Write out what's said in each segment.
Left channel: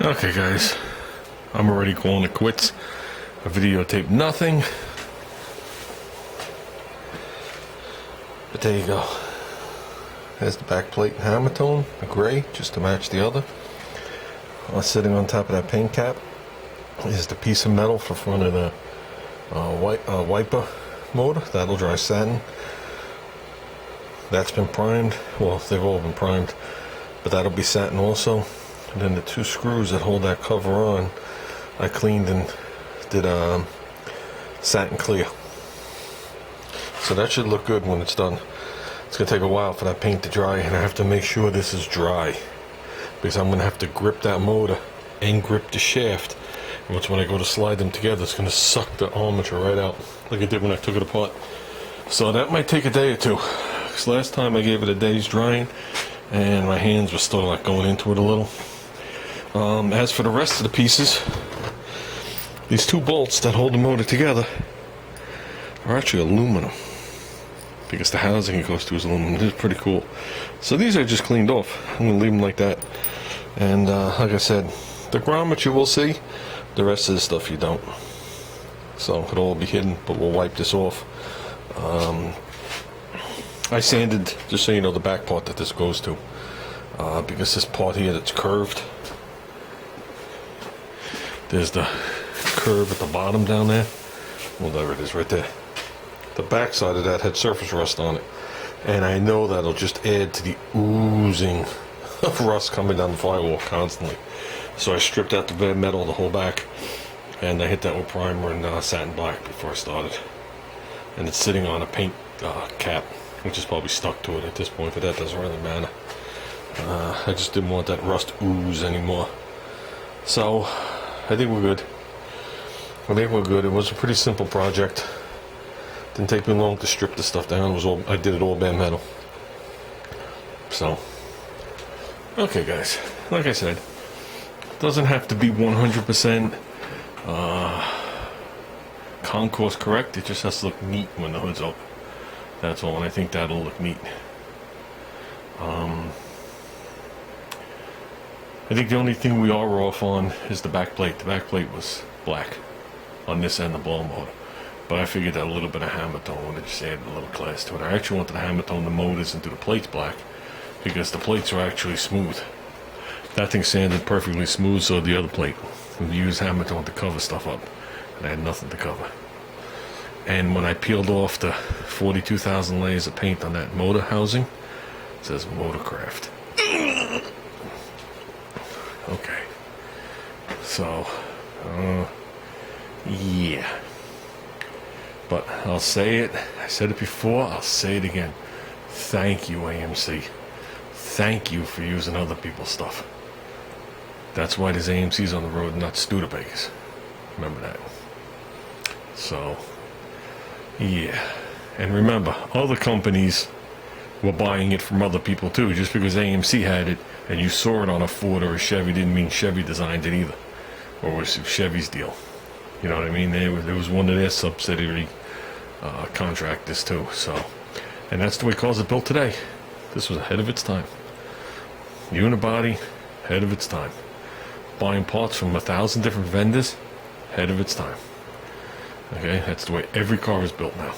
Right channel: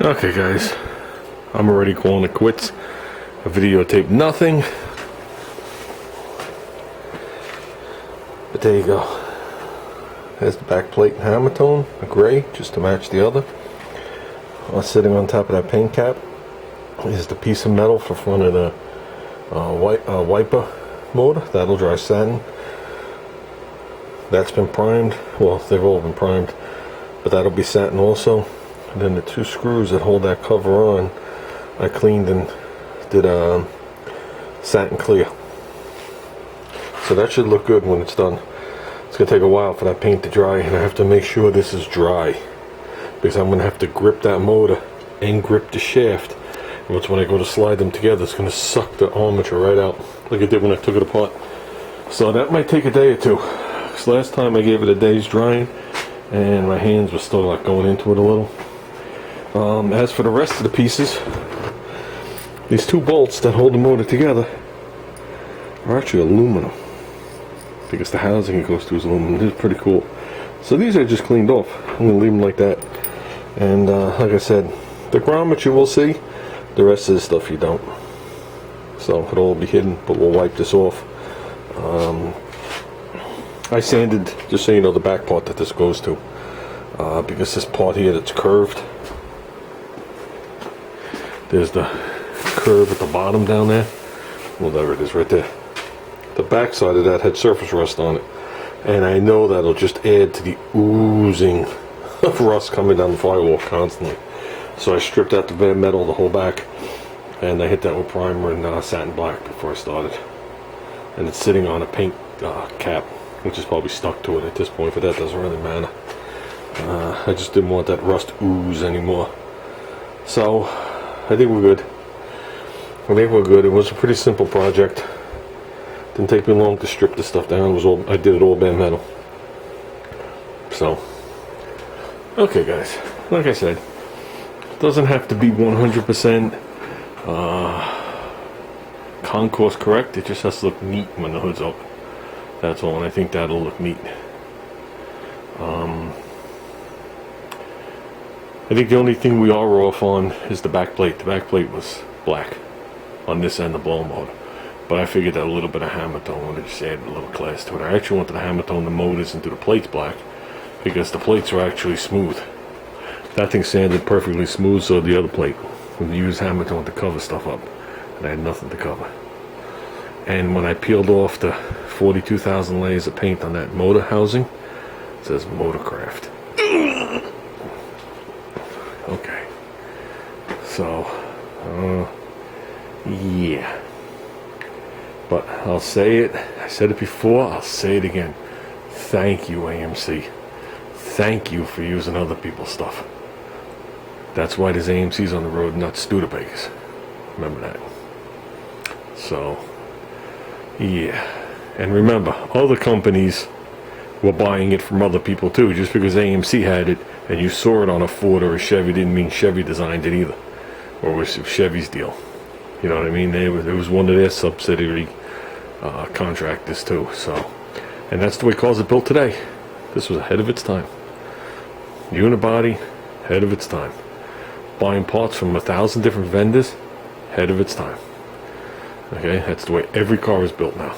Okay guys, I'm already calling it quits. I videotaped nothing. But there you go. There's the back plate and hammer tone, the gray, just to match the other. Sitting on top of that paint cap is the piece of metal for front of the wiper motor. That'll dry satin. That's been primed. Well, they've all been primed, but that'll be satin also. And then the two screws that hold that cover on, I cleaned and did satin clear. So that should look good when it's done. It's gonna take a while for that paint to dry, and I have to make sure this is dry because I'm gonna have to grip that motor and grip the shaft. And when I go to slide them together, it's gonna suck the armature right out like it did when I took it apart. So that might take a day or two. Because last time I gave it a day's drying, and my hands were still like going into it a little. As for the rest of the pieces, these two bolts that hold the motor together are actually aluminum, because the housing it goes to is aluminum. This is pretty cool. So these I just cleaned off. I'm going to leave them like that. And like I said, the grommet you will see, the rest of the stuff you don't. So it'll all be hidden, but we'll wipe this off. I sanded, just so you know, the back part that this goes to, because this part here that's curved, there's the curve at the bottom down there. Well, there it is right there. The back side of that had surface rust on it, and I know that'll just add to the oozing of rust coming down the firewall constantly. So I stripped out the bare metal, the whole back, and I hit that with primer and satin black before I started. And it's sitting on a paint cap, which is probably stuck to it at this point, but that doesn't really matter. I just didn't want that rust ooze anymore. So I think we're good. I think we're good. It was a pretty simple project. Didn't take me long to strip the stuff down. It was all, I did it all bare metal. So, okay guys, like I said, doesn't have to be 100% concourse correct. It just has to look neat when the hood's up. That's all, and I think that'll look neat. I think the only thing we are off on is the back plate. The back plate was black on this end of the blow motor, but I figured that a little bit of hammer tone would have just added a little class to it. I actually wanted to hammer tone the motors into the plates black because the plates are actually smooth. That thing sanded perfectly smooth, so the other plate would use hammer tone to cover stuff up, and I had nothing to cover. And when I peeled off the 42,000 layers of paint on that motor housing, it says Motorcraft. Okay. So, yeah. But I'll say it. I said it before. I'll say it again. Thank you, AMC. Thank you for using other people's stuff. That's why there's AMCs on the road, not Studebakers. Remember that. So, yeah. And remember, other companies were buying it from other people too. Just because AMC had it and you saw it on a Ford or a Chevy didn't mean Chevy designed it either, or it was Chevy's deal. You know what I mean? It was one of their subsidiary contractors too. So, and that's the way cars are built today. This was ahead of its time. Unibody, ahead of its time. Buying parts from 1,000 different vendors, ahead of its time. Okay, that's the way every car is built now.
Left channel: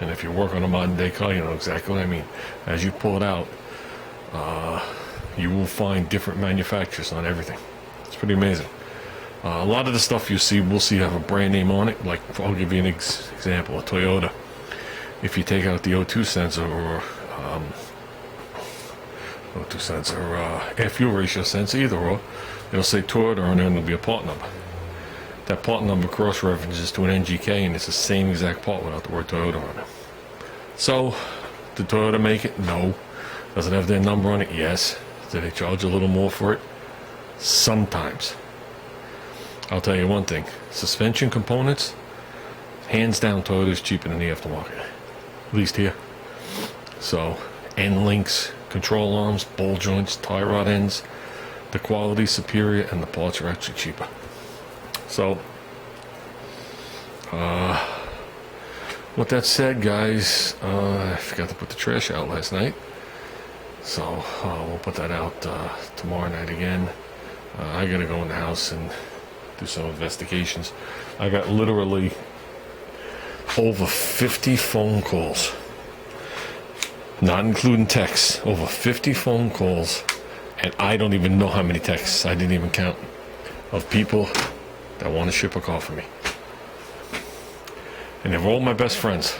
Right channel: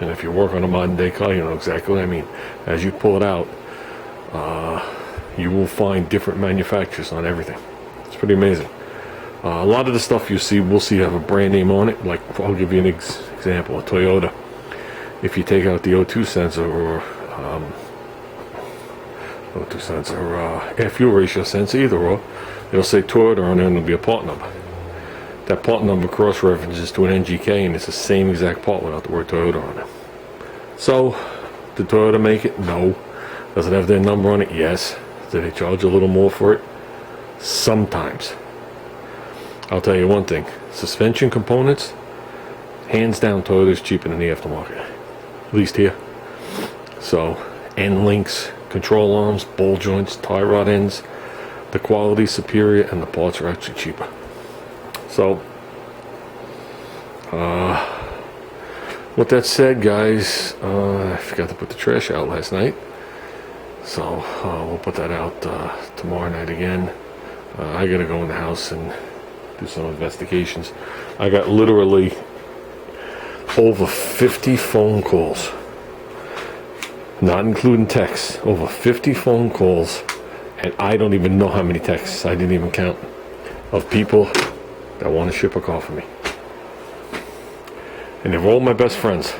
And if you work on a modern day car, you know exactly what I mean. As you pull it out, you will find different manufacturers on everything. It's pretty amazing. A lot of the stuff you see, we'll see have a brand name on it. Like, I'll give you an example, a Toyota. If you take out the O2 sensor or O2 sensor, air fuel ratio sensor, either or, it'll say Toyota on there and there'll be a part number. That part number cross-references to an NGK, and it's the same exact part without the word Toyota on it. So, did Toyota make it? No. Does it have their number on it? Yes. Do they charge a little more for it? Sometimes. I'll tell you one thing. Suspension components, hands down, Toyota's cheaper than the aftermarket. At least here. So, end links, control arms, ball joints, tie rod ends, the quality is superior, and the parts are actually cheaper. So, with that said, guys, I forgot to put the trash out last night. So, we'll put that out tomorrow night again. I gotta go in the house and do some investigations. I got literally over 50 phone calls, not including texts, over 50 phone calls, and I don't even know how many texts, I didn't even count, of people that want to ship a car for me. And they're all my best friends.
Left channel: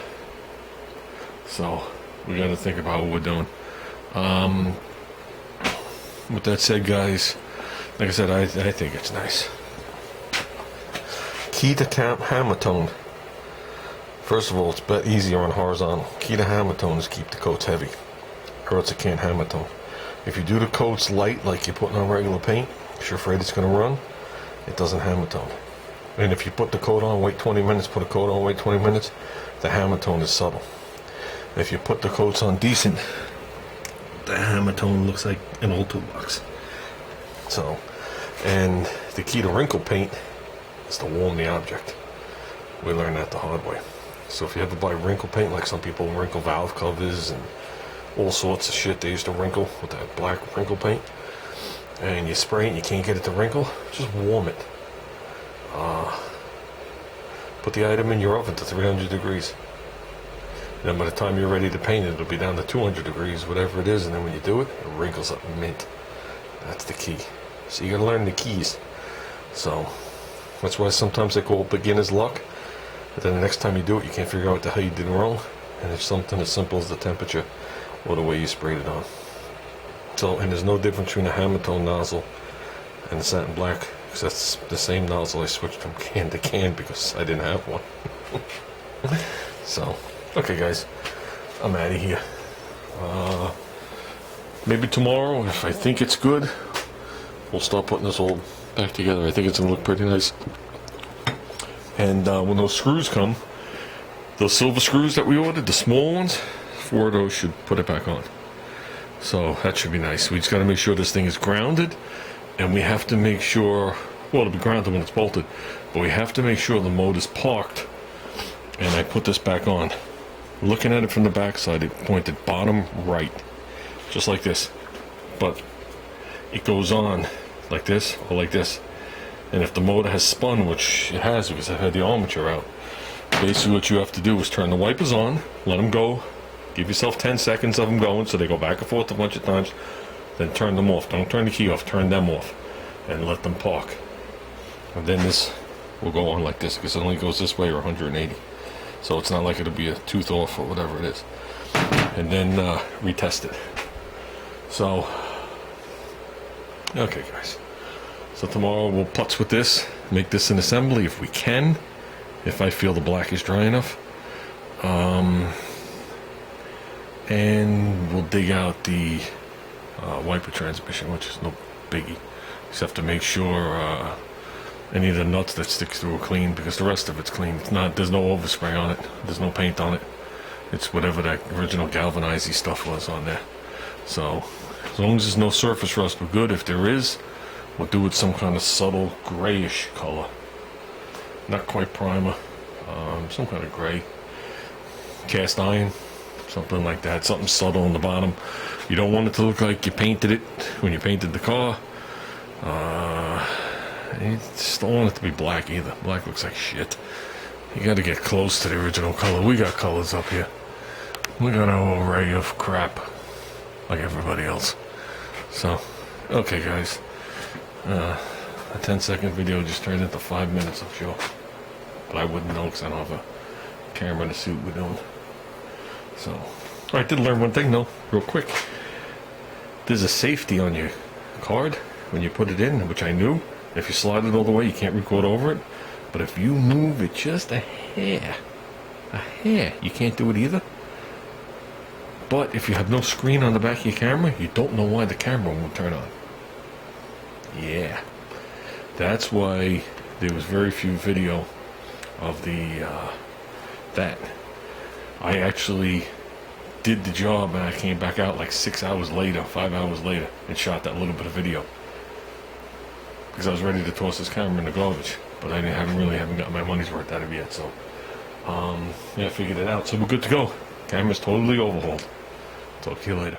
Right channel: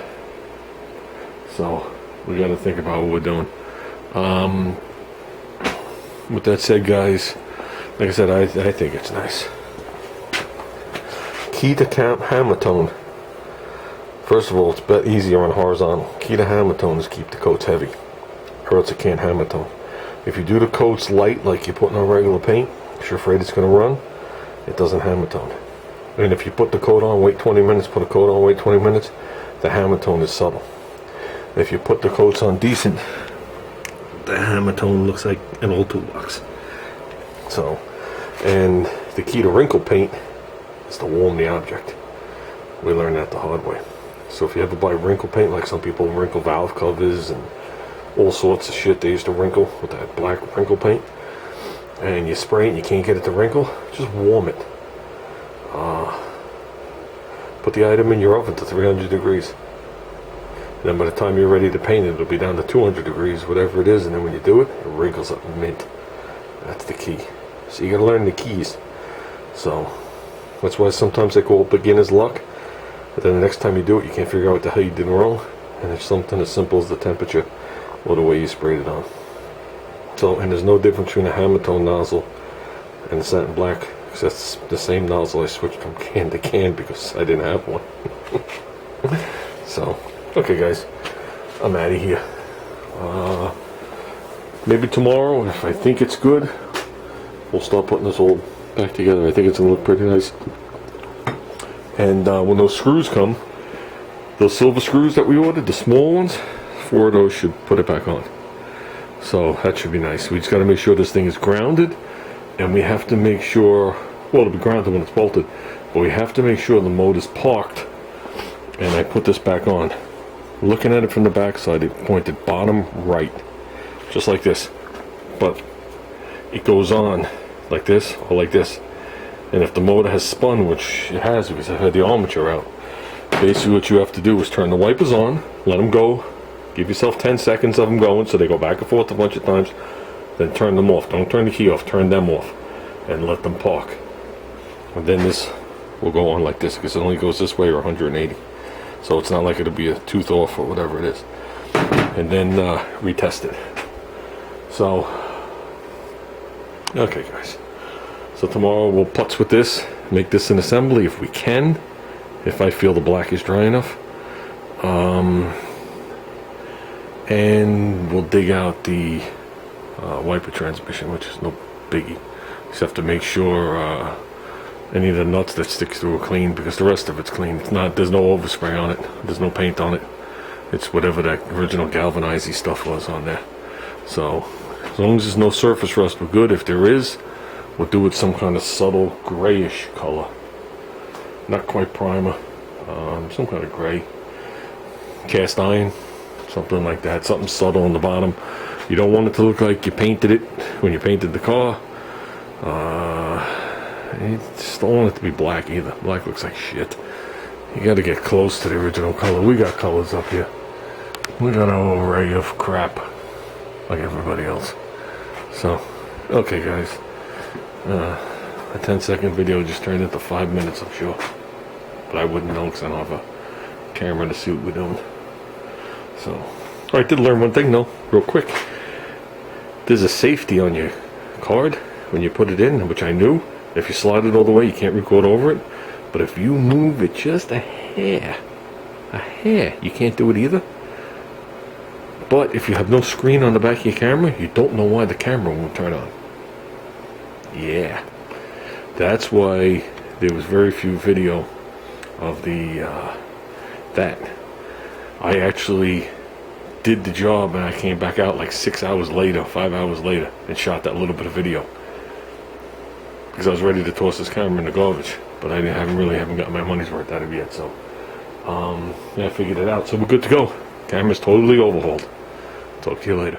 So we got to think about what we're doing. With that said, guys, like I said, I think it's nice. Key to hammer tone. First of all, it's a bit easier on horizontal. Key to hammer tone is keep the coats heavy, or else it can't hammer tone. If you do the coats light, like you're putting on regular paint, because you're afraid it's going to run, it doesn't hammer tone. And if you put the coat on, wait 20 minutes, put a coat on, wait 20 minutes, the hammer tone is subtle. If you put the coats on decent, the hammer tone looks like an old toolbox. So, and the key to wrinkle paint is to warm the object. We learned that the hard way. So if you ever buy wrinkle paint, like some people wrinkle valve covers and all sorts of shit they used to wrinkle with that black wrinkle paint, and you spray it and you can't get it to wrinkle, just warm it. Put the item in your oven to 300 degrees. And then by the time you're ready to paint it, it'll be down to 200 degrees, whatever it is, and then when you do it, it wrinkles up mint. That's the key. So you gotta learn the keys. So that's why sometimes they call it beginner's luck. But then the next time you do it, you can't figure out what the hell you did wrong. And it's something as simple as the temperature or the way you sprayed it on. So, and there's no difference between a hammer tone nozzle and satin black, because that's the same nozzle I switched from can to can because I didn't have one. So, okay guys, I'm out of here. Maybe tomorrow, if I think it's good, we'll start putting this all back together. I think it's gonna look pretty nice. And when those screws come, those silver screws that we ordered, the small ones, 4 of those should put it back on. So that should be nice. We just got to make sure this thing is grounded, and we have to make sure, well, it'll be grounded when it's bolted, but we have to make sure the motor's parked. And I put this back on. Looking at it from the back side, it pointed bottom right, just like this. But it goes on like this or like this. And if the motor has spun, which it has because I've had the armature out, basically what you have to do is turn the wipers on, let them go, give yourself 10 seconds of them going so they go back and forth a bunch of times, then turn them off. Don't turn the key off, turn them off, and let them park. And then this will go on like this because it only goes this way or 180. So it's not like it'll be a tooth off or whatever it is. And then retest it. So, okay guys. So tomorrow we'll putz with this, make this an assembly if we can, if I feel the black is dry enough. And we'll dig out the wiper transmission, which is no biggie. Just have to make sure any of the nuts that sticks through are clean, because the rest of it's clean. It's not, there's no overspray on it. There's no paint on it. It's whatever that original galvanizing stuff was on there. So as long as there's no surface rust, we're good. If there is, we'll do it some kind of subtle grayish color. Not quite primer. Some kind of gray. Cast iron. Something like that. Something subtle on the bottom. You don't want it to look like you painted it when you painted the car. You just don't want it to be black either. Black looks like shit. You got to get close to the original color. We got colors up here. We got an array of crap like everybody else. So, okay guys. A 10-second video just turned into 5 minutes, I'm sure. But I wouldn't know because I don't have a camera to see what we're doing. So, I did learn one thing though, real quick. There's a safety on your card when you put it in, which I knew. If you slide it all the way, you can't record over it. But if you move it just a hair, you can't do it either. But if you have no screen on the back of your camera, you don't know why the camera won't turn on. Yeah. That's why there was very few video of the, that. I actually did the job and I came back out like 6 hours later, 5 hours later, and shot that little bit of video. Because I was ready to toss this camera in the garbage. But I haven't gotten my money's worth out of it yet, so yeah, I figured it out. So we're good to go. Camera's totally overhauled. Talk to you later.